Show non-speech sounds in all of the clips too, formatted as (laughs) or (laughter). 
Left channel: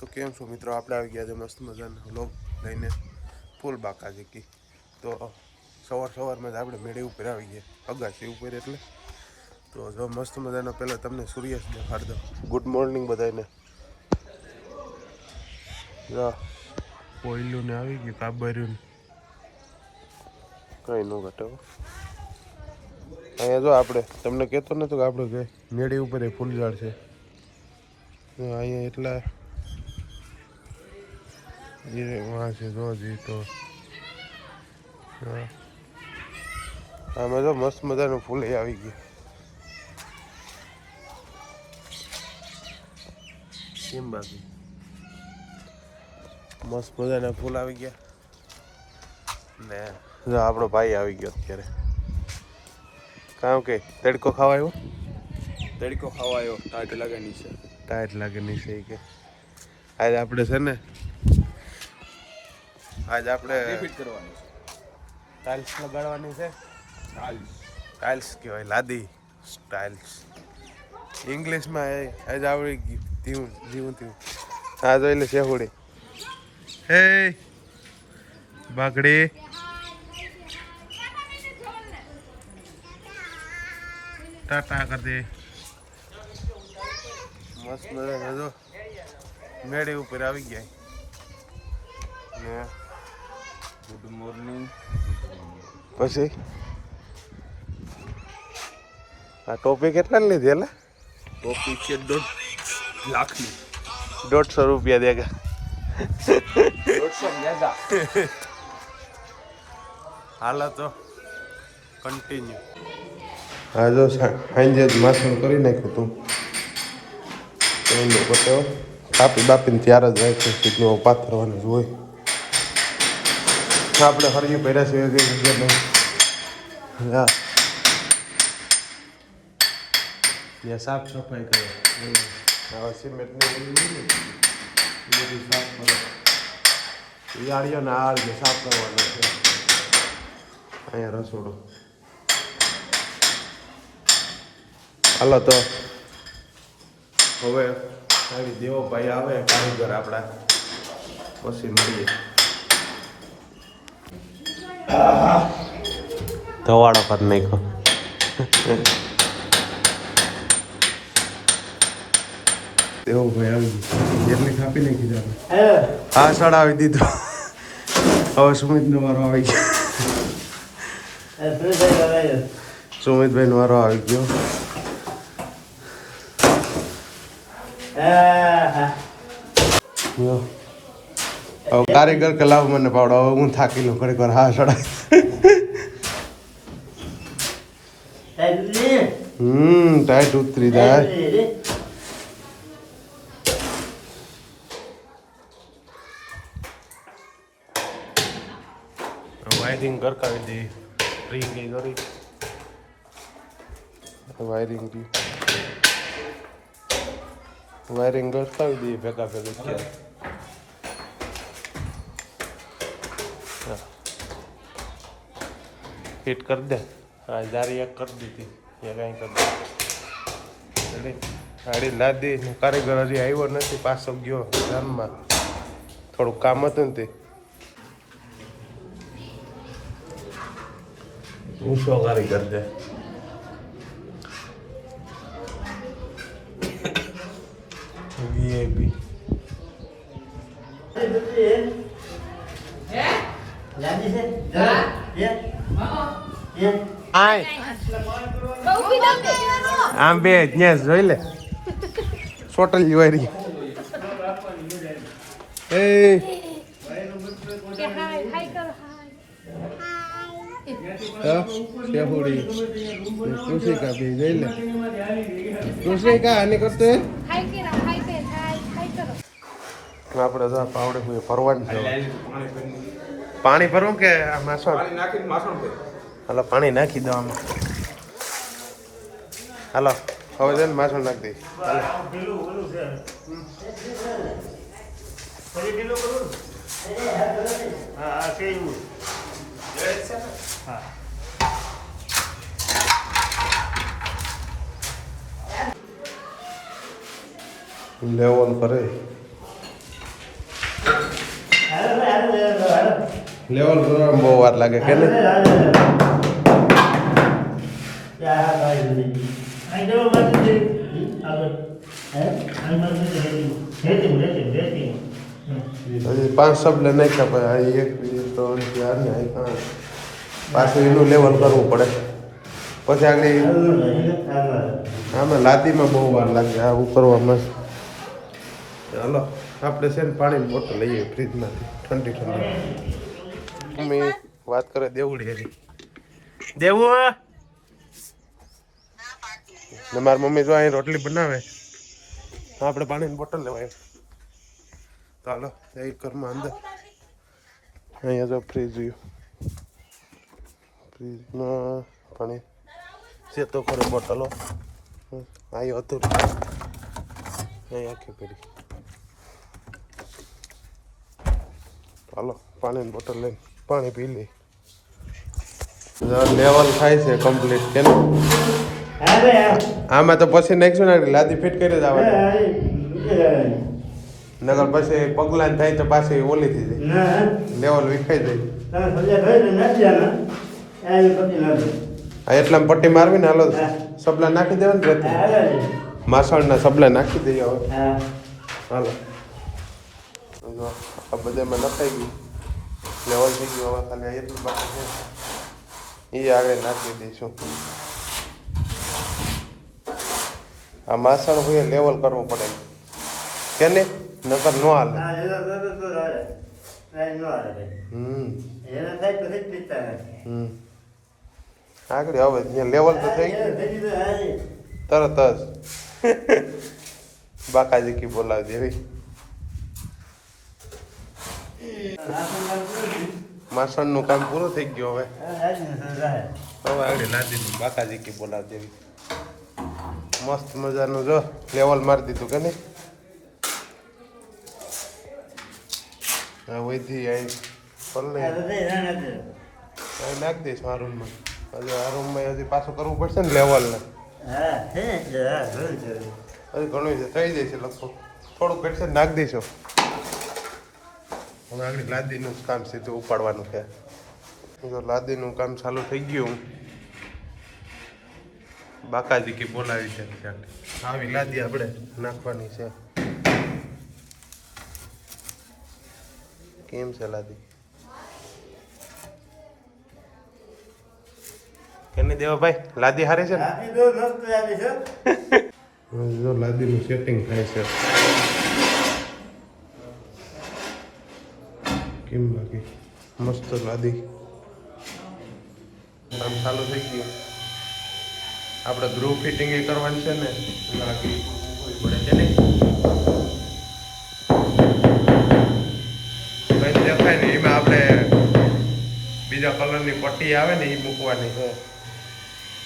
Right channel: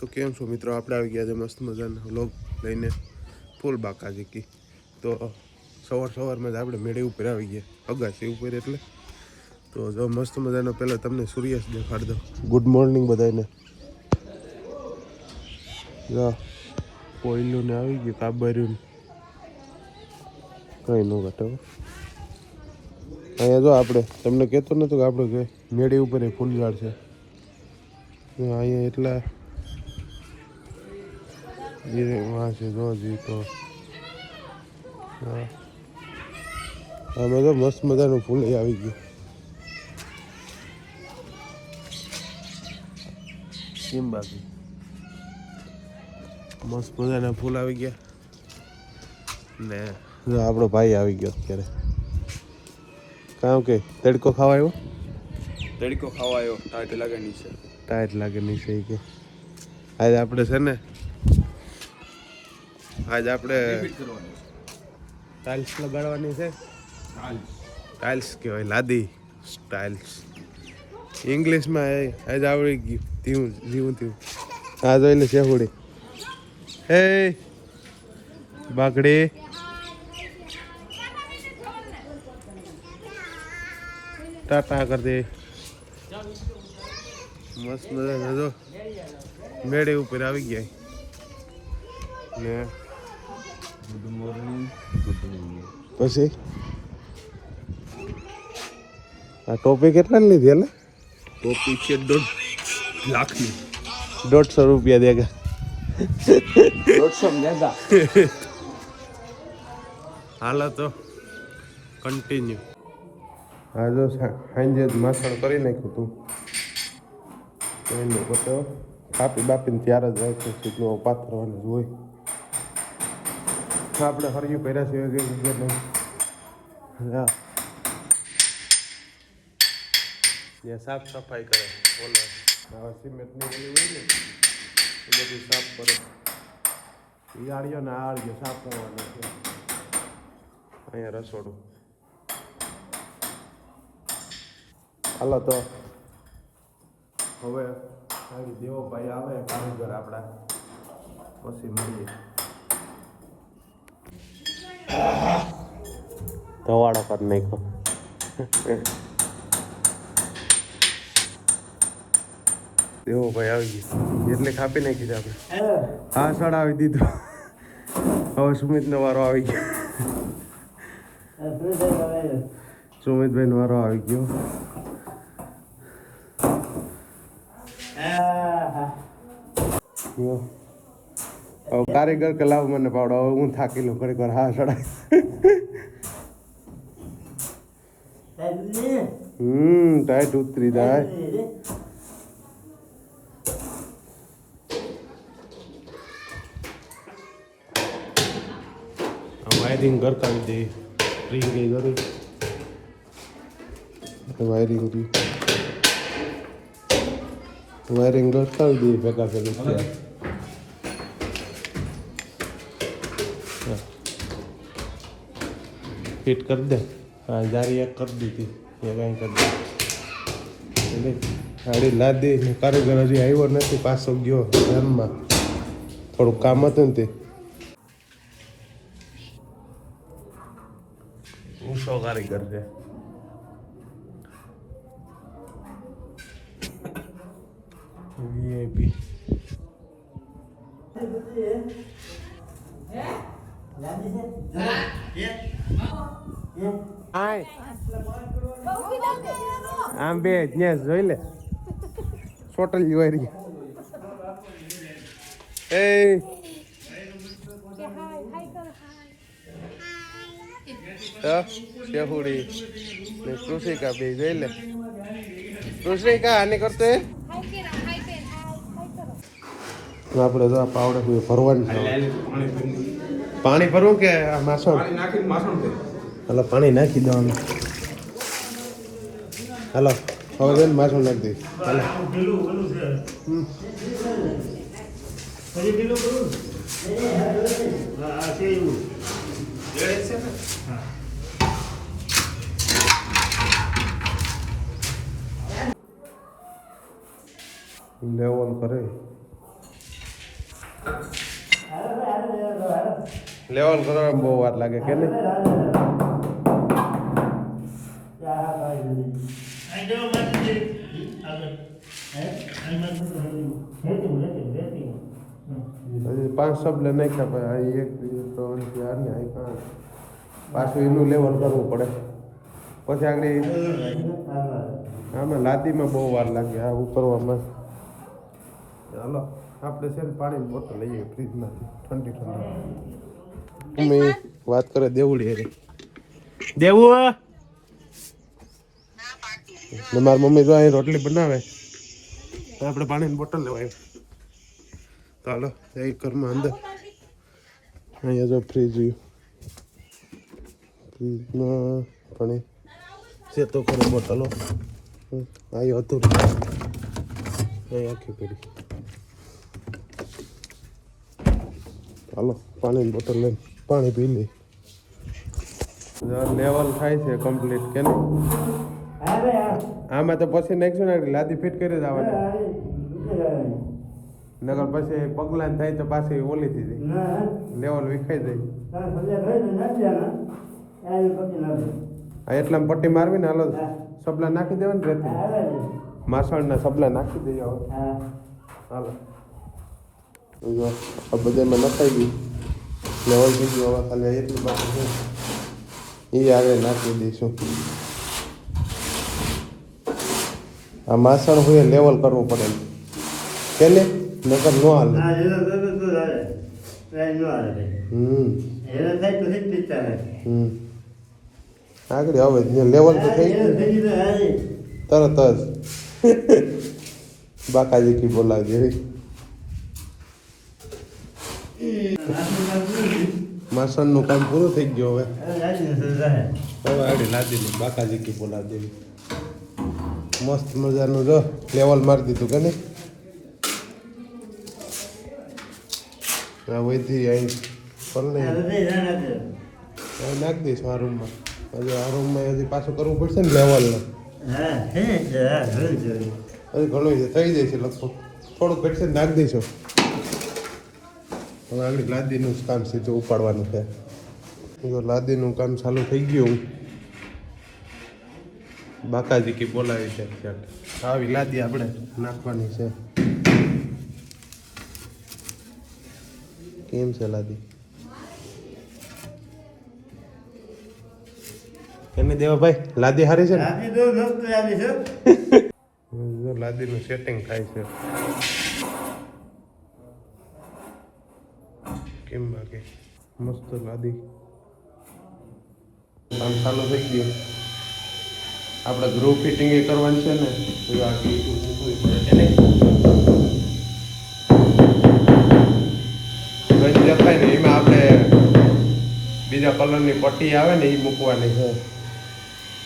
તો કેમ છો મિત્રો? આપણે આવી ગયા છે મસ્ત મજાના વ્લોગ લઈને ફૂલ બાકા જીકી તો સવાર સવારમાં જ આપણે મેળે ઉપર આવી ગયા. અગાસી ઉપર એટલે. તો જો મસ્ત મજાનો પહેલાં તમને સૂર્યાસ્ત દેખાડ દો ગુડ મોર્નિંગ બધાને કોયલું ને આવી ગયું કાબર્યું. કંઈ ન ઘટે અહીંયા જો આપણે, તમને કહેતો નથી કે આપણે મેળી ઉપર એ ફૂલ ઝાડ છે અહીંયા એટલે જે વાં છે જો જી તો હા. આમાં જો મસ્ત મજાનું ફૂલ આવી ગયું. કેમ બાકી મસ્ત મજાના ફૂલ આવી ગયા. ને. આપણો ભાઈ આવી ગયો અત્યારે. કારણ કે તડકો ખાવાયો તડકો ખાવાયો ટાટ લાગેની છે. ટાઈટ લાગેની છે કે. આજે આપણે છે ને આજ આપણે ટાઇલ્સ લગાડવાની છે. ટાઇલ્સ કહેવાય લાદી. ટાઇલ્સ ઇંગ્લિશમાં આજ આવડી ગયું. ધીવું ધીવું ધીવું આ જોઈ લે શેહુડી. હે બાકડી. ટાટા કરતી દે. મસ્ત મજા જો. મેળે ઉપર આવી ગયા. ને ગુડ મોર્નિંગ પછી? આ ટોપી કેટલા લીધી એટલે? ટોપી છે દોઢ લાખની. દોઢસો રૂપિયા દે દોઢસો જ્યાદા હાલો તો કન્ટિન્યુ હા જો સાંજે જ માસનું કરી નાખ્યું તું. એનું પતાવો કાપી બાપીને ત્યારે જ રાખ્યું સીટનું પાથરવાનું જ હોય. આપણે ફરી પહેર્યા સિવાય કઈ જગ્યા નહીં. હા. ત્યાં સાફ સફાઈ કરે. આવા સિમેન્ટની એ બધું સાફ કરો યાળીઓ ને રીતે સાફ કરવાનો છે. અહીંયા રસોડો. હાલો તો. હવે આવી દેવો ભાઈ આવે કારીગર આપણા. પછી મળીએ. ધવાડો પર નાખ્યો. એવું ભાઈ આવી ગઈ. એટલે કાપી નાખી દે આપણે. સાડ આવી દીધો. હવે સુમિતનો વારો આવી ગયો. સુમિતભાઈ નો વારો આવી ગયો. યો. હવે કારીગર કે લાવ મને પાડો હવે હું થાકી લઉં ખરેખર હા સડાય. હમ ટાઈટ ઉતરી જાય વાયરિંગ ઘર કરી દે રિંગ એ કરી વાયરિંગ કરી વાયરિંગ ઘર કરી દે ભેગા ભેગા. ફિટ કરી દે. આ જારી એક કરી દીધી. એ કાંઈ કરી દે. ગાડી લાદી કારીગર હજી આવ્યો નથી, પાછો ગયો ધર્મમાં થોડું કામ હતું ને તે. ઊંચો કારીગર છે. આમ બે ત્યાં જોઈ લે. સોટલ જોઈ રહી એ કૃષિકા બે જોઈ લે. કૃષિકા આને કરતો આપણે તો પાવડે ભરવાનું પાણી ભરવું કે માસણ? હાલો પાણી નાખી દો આમાં. હાલો હવે જઈને માસો નાખી દઈ. લેવલ કરે લેવલ કરવામાં બહુ વાર લાગે કે નહીં હજી પાંચ શબ્દ નાખ્યા પછી આ એક બે ત્રણ ચાર ને આ પાંચ. પાછું એનું લેવલ કરવું પડે. પછી આગળ આમાં લાદીમાં બહુ વાર લાગે. આ ઉકરવામાં ચાલો આપણે છે ને પાણીની બોટલ લઈએ ફ્રીજમાંથી. ઠંડી ઠંડી. અમે વાત કરે દેવડી હારી. દેવું ને મારી મમ્મી જો અહીં રોટલી બનાવે. આપણે પાણીની બોટલ લેવાય ચાલો એ ઘરમાં અંદર. અહીંયા જો ફ્રીજ રહ્યું ફ્રીજમાં પાણી. છે તો ખરો બોટલો. અહીં હતું અહીં આખી પડી ચાલો પાણીની બોટલ લઈને પાણી પી લઈ લેવલ થાય છે કમ્પ્લીટ કે ને આમાં તો પછી નાખશું ને લાદી ફિટ કરી જ આવવાની. નગર પછી પગલાં થાય તો પાછી ઓલી થઈ જાય. લેવલ વિખાઈ જાય. એટલા પટ્ટી મારવી ને હાલો સબલા નાખી દેવા ને રેતી. માસણના સબલા નાખી દઈએ હવે. હાલો. આ બધામાં નખાઈ ગયું. લેવલ થઈ ગયું હવે ખાલી એટલું બાકી એ આગળ નાખી દઈશું. આ માસણ હોય લેવલ કરવું પડે કે ને નકર નો હાલે. આગળ હવે લેવલ તો થઈ ગયું તરત જ. બાકાજી કી બોલાવી દેવી માસણનું કામ પૂરું થઈ ગયું હવે. હવે લાદીને બાકાજી કી બોલાવી દેવી મસ્ત મજાનું જો લેવલ મારી દીધું કે નહીં? વહીથી અહીં નાખી. દઈશ આ રૂમમાં. હજી આ રૂમમાં હજી પાછું કરવું પડશે ને લેવલ હજી ઘણું છે થઈ જશે લખો થોડુંક ઘટશે નાખી દઈશું. હવે આગળ લાદીનું કામ સીધું ઉપાડવાનું છે. જો લાદીનું કામ ચાલુ થઈ ગયું. બાકાજી કી બોલાવી છે અત્યારે આવી લાદી આપણે નાખવાની છે. કેમ છે લાદી? એને દેવા ભાઈ લાદી હારી છે ને? જો લાદીનું સેટિંગ થાય છે. કેમ લાગે? મસ્ત લાદી. કામ ચાલુ થઈ ગયું. આપણે ગ્રુપ ફિટિંગ એ કરવાની છે ને તો આ કીધું પડે છે ને? બીજા કલરની પટ્ટી આવે ને એ મૂકવાની. છે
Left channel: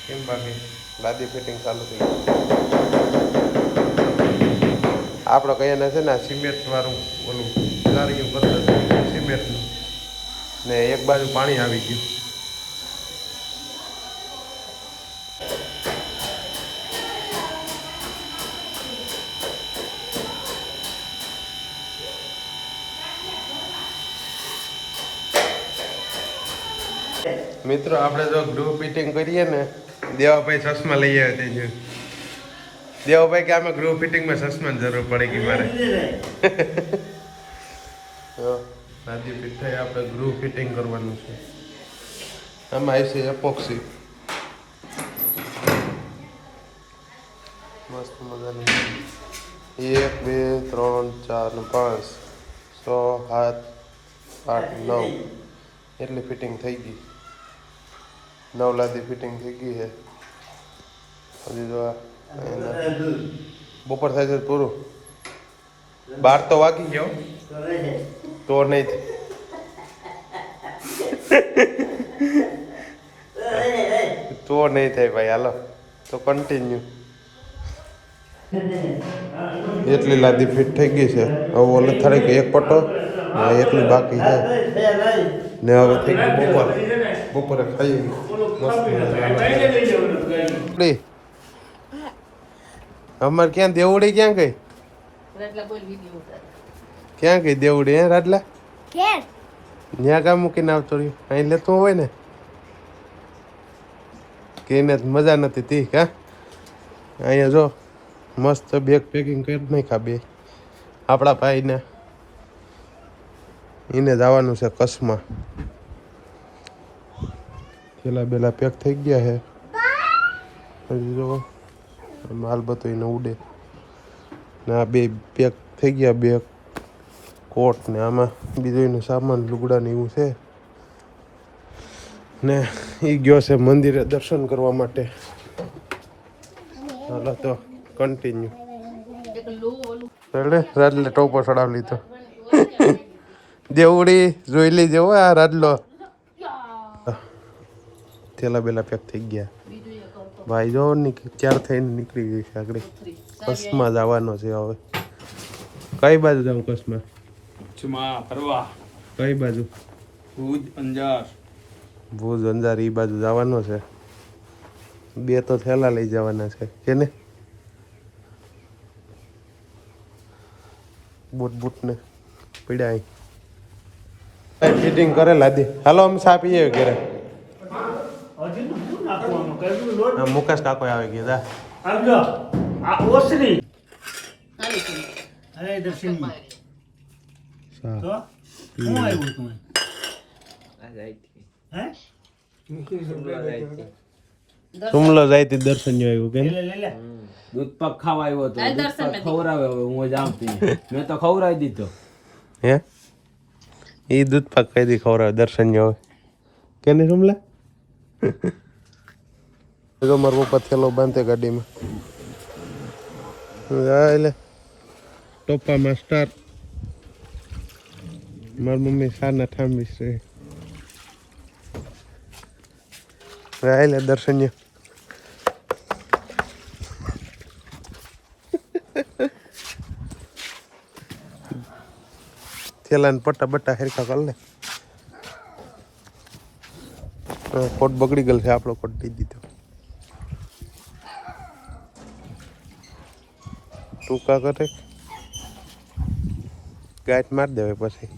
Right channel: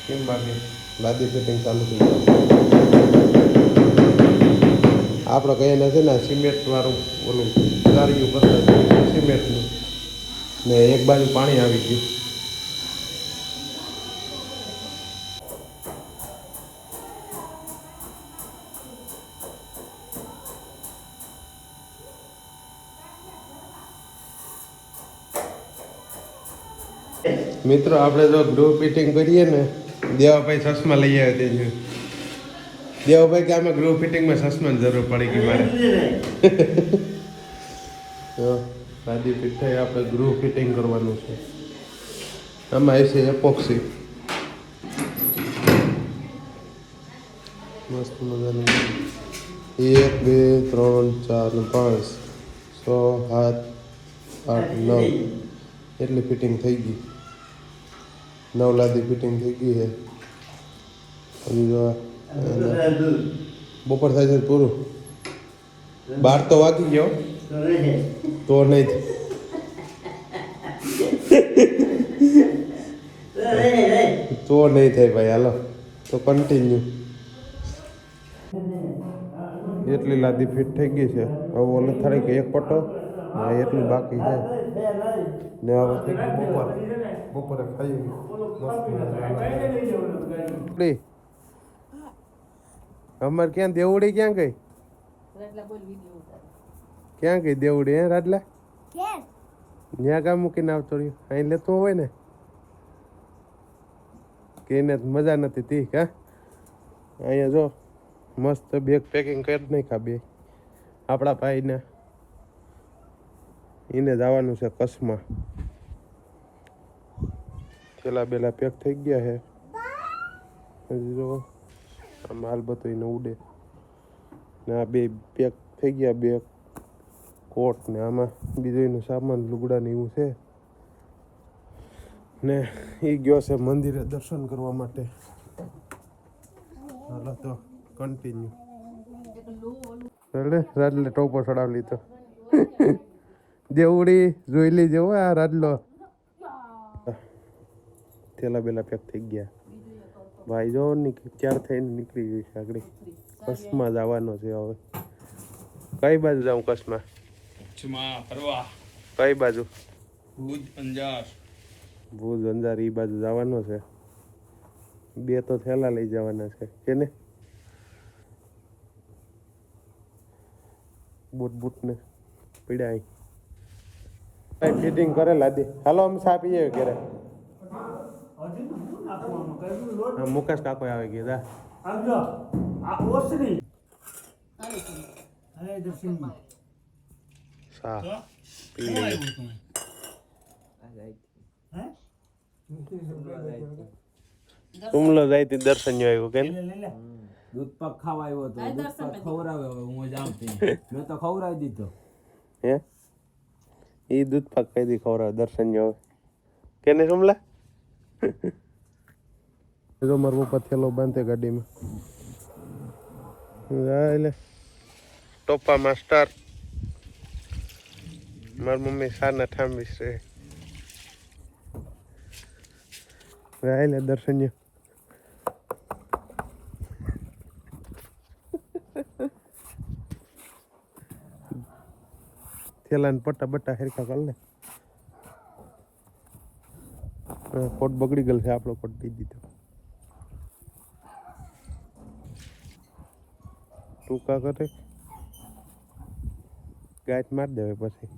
કેમ બાકી? લાદી ફિટિંગ ચાલુ થઈ આપણે કહીએ ને છે ને સિમેન્ટ વાળું ઓલું ગાર્યું કરતા સિમેન્ટનું. ને એક બાજુ પાણી આવી ગયું. મિત્રો આપણે જો ગ્રુપ ફિટિંગ કરીએ ને દેવાભાઈ ચશ્મા લઈ આવે છે દેવાભાઈ કે અમે ગ્રુપ ફિટિંગમાં ચશ્માની જરૂર પડી ગઈ મારે. તો લાદી ફિટ થઈ આપણે ગ્રુપ ફિટિંગ કરવાનું છે. આમાં એસી એપોક્સી મસ્ત મજાની. એક બે ત્રણ ચાર પાંચ છ સાત આઠ નવ. એટલી ફિટિંગ થઈ ગઈ. નવ લાદી ફિટિંગ થઈ ગઈ છે. હજી જો બપોર થાય છે પૂરું. બાર તો વાગી ગયો. તો નહીં તો નહીં થાય ભાઈ હાલો. તો કન્ટિન્યુ (laughs) એટલી લાદી ફિટ થઈ ગઈ છે. હવે ઓલે થાળી કે એક પટ્ટો ને એટલી બાકી છે. ને હવે થઈ ગયું બપોર. બપોરે ખાઈ મસ્ત અમારે ક્યાં દેવડી ક્યાં ગઈ. ક્યાં ગઈ દેવડી હે રાટલા ત્યાં કામ મૂકીને આવતો રહ્યો. અહીં લેતું હોય ને? કે એને મજા નથી તી હા? અહીંયા જો મસ્ત બેગ પેકિંગ કરી નાખા બે. આપણા ભાઈને. એને જવાનું છે કચ્છમાં. થેલા બેલા પેક થઈ ગયા છે હજી જો માલ બતો એને ઉડે. ને આ બે પેક થઈ ગયા બે કોટ ને આમાં બીજું એનું સામાન લુગડા ને એવું છે. ને એ ગયો છે મંદિરે દર્શન કરવા માટે. હાલો તો કન્ટિન્યુ એટલે રાજલે ટોપો ચડાવી લીધો. દેવડી જોઈ લેજો આ રાજલો થેલા બેલા પેક થઈ ગયા. ભાઈ જો ચાર થઈને નીકળી ગઈ છે આગળ. કચ્છમાં જવાનો છે હવે. કઈ બાજુ જાઉં કચ્છમાં કચ્છમાં ફરવા. કઈ બાજુ? ભુજ અંજાર. ભુજ અંજાર એ બાજુ જવાનો છે. બે તો થેલા લઈ જવાના છે. કે ને? બૂટ બૂટ ને પીડા ફિટિંગ કરે લાદી. હાલો અમે સા પીએ ઘરે. મુકેશ કાકો આવે ગયા જા. આવજો. આ ઓસરી. અરે દર્શન સા તો? હું આવ્યું તું હે? સુમલો જાય તી દર્શન આવ્યું કે લે લે લે. દૂધ પાક ખાવા આવ્યો હતો. દૂધ પાક ખવડાવે હવે હું જાઉં ત્યાં. મેં તો ખવડાવી દીધો. હે? એ દૂધ પાક કઈ ખવડાવે દર્શન યો કે નહીં સુમલા (laughs) તો મારો પપ્પા થેલો બાંધે ગાડીમાં. જા એટલે ટોપા માસ્ટર. મારી મમ્મી સાના ઠાંબી છે. એટલે દર્શનીય થેલાને પટ્ટા બટ્ટા હેરખા કર લે. કોટ બગડી ગયેલ છે, આપણો કોટ દઈ દીધો. ટૂંકા કરે. ગાંઠ માર દેવે પછી.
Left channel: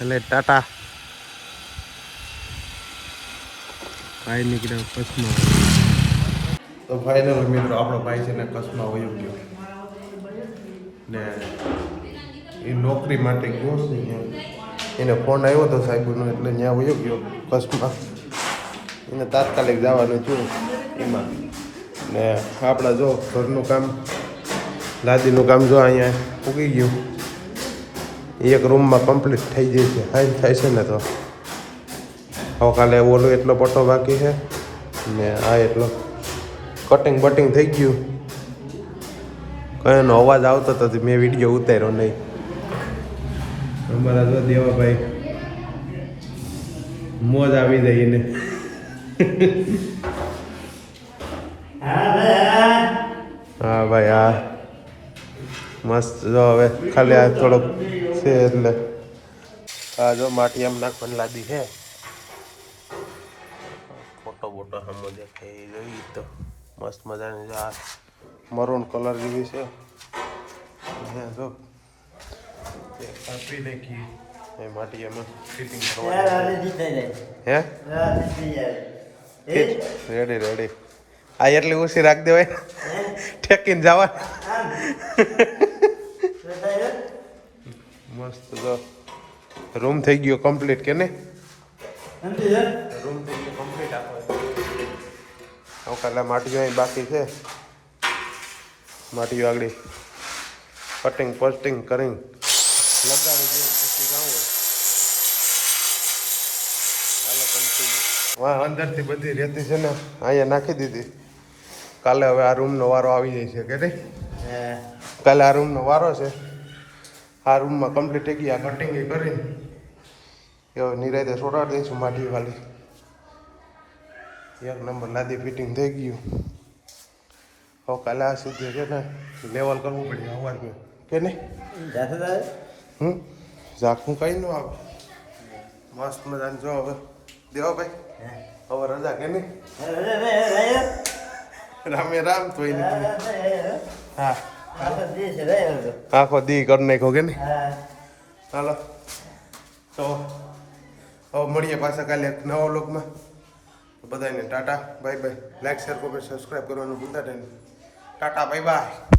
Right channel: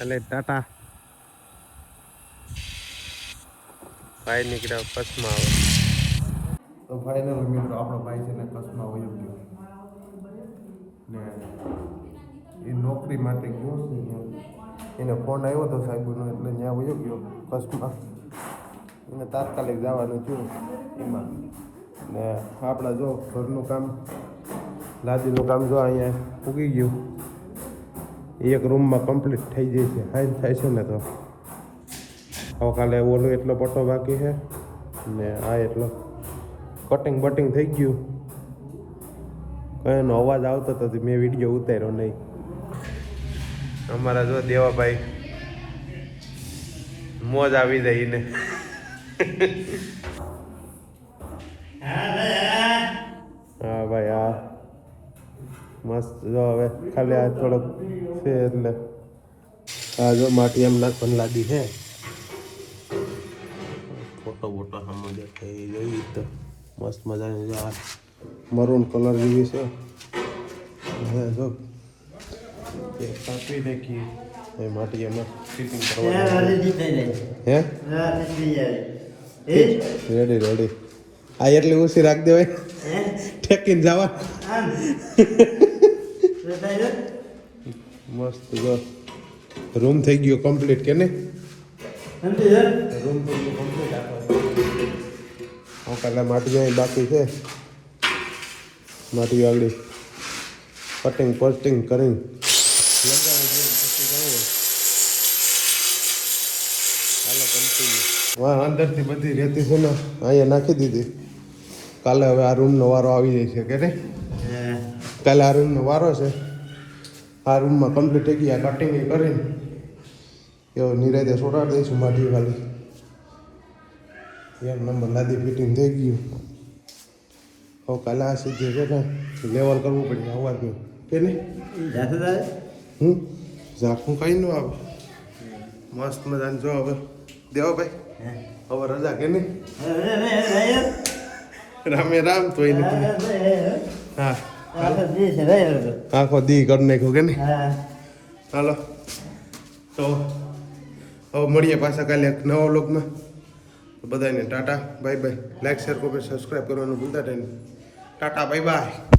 એટલે ટાટા. કાઈ નીકળ્યા કચ્છમાં. તો ફાઇનલ મિત્રો, આપણો ભાઈ છે ને કચ્છમાં વયો ગયો. ને એ નોકરી માટે ગયો છે અહીંયા. એને ફોન આવ્યો હતો સાહેબનો, એટલે ત્યાં વયો ગયો કચ્છમાં. એને તાત્કાલિક જવાનું થયું એમાં. ને આપણા જો ઘરનું કામ, લાદીનું કામ જો અહીંયા ઉગી ગયું. એક રૂમમાં કમ્પ્લીટ થઈ જાય છે. હાઈ થાય છે ને તો. હવે કાલે ઓલો એટલો પટ્ટો બાકી છે. ને આ એટલો. કટિંગ બટિંગ થઈ ગયું. કયાનો અવાજ આવતો હતો મેં વીડિયો ઉતાર્યો નહીં. અમારા તો દેવાભાઈ મોજ આવી જઈને હા ભાઈ હા. મસ્ત જો હવે ખાલી આ થોડોક છે એટલે. આ જો માટી એમ નાખવાની લાદી છે ફોટો બોટો સામો દેખાય એ જોઈ તો. મસ્ત મજાની છે આ. મરૂન કલર જેવી છે. હે જો. કાપી નાખી એ માટી એમાં ફિટિંગ હે? રેડી રેડી આ એટલી ઓછી રાખ દેવાય. ઠેકીને જવા મસ્ત જો. રૂમ થઈ ગયો કમ્પ્લીટ કે ને રૂમ થઈ ગયો કાલે માટીઓ બાકી છે. માટીઓ આગળ કટિંગ પોસ્ટિંગ કરીને લગાડી દઈએ પછી. વાહ અંદરથી બધી રેતી છે ને અહીંયા નાખી દીધી. કાલે હવે આ રૂમનો વારો આવી જાય છે કે કાલે આ રૂમનો વારો છે. આ રૂમમાં કમ્પ્લીટ થઈ ગયા કટિંગ એ કરીને. એવો નિરાયતે છોડાવી દઈશું માટી વાળી. એક નંબર લાદી ફિટિંગ થઈ ગયું. હવે કાલે આ સુધી છે ને લેવલ કરવું પડે અવાજનું કે ને હમ? ઝાખું કઈ ન આવે. મસ્ત મજાનું જો હવે. દેવો ભાઈ. હવે રજા કે ને રામે રામ તો એને હા. આખો દી કરી નાખો કે ને હાલો. તો હવે મળીએ પાછા કાલે નવા તો બધાને tata bye bye. Like share comment subscribe કરવાનું ભૂલતા નહીં. Tata bye bye.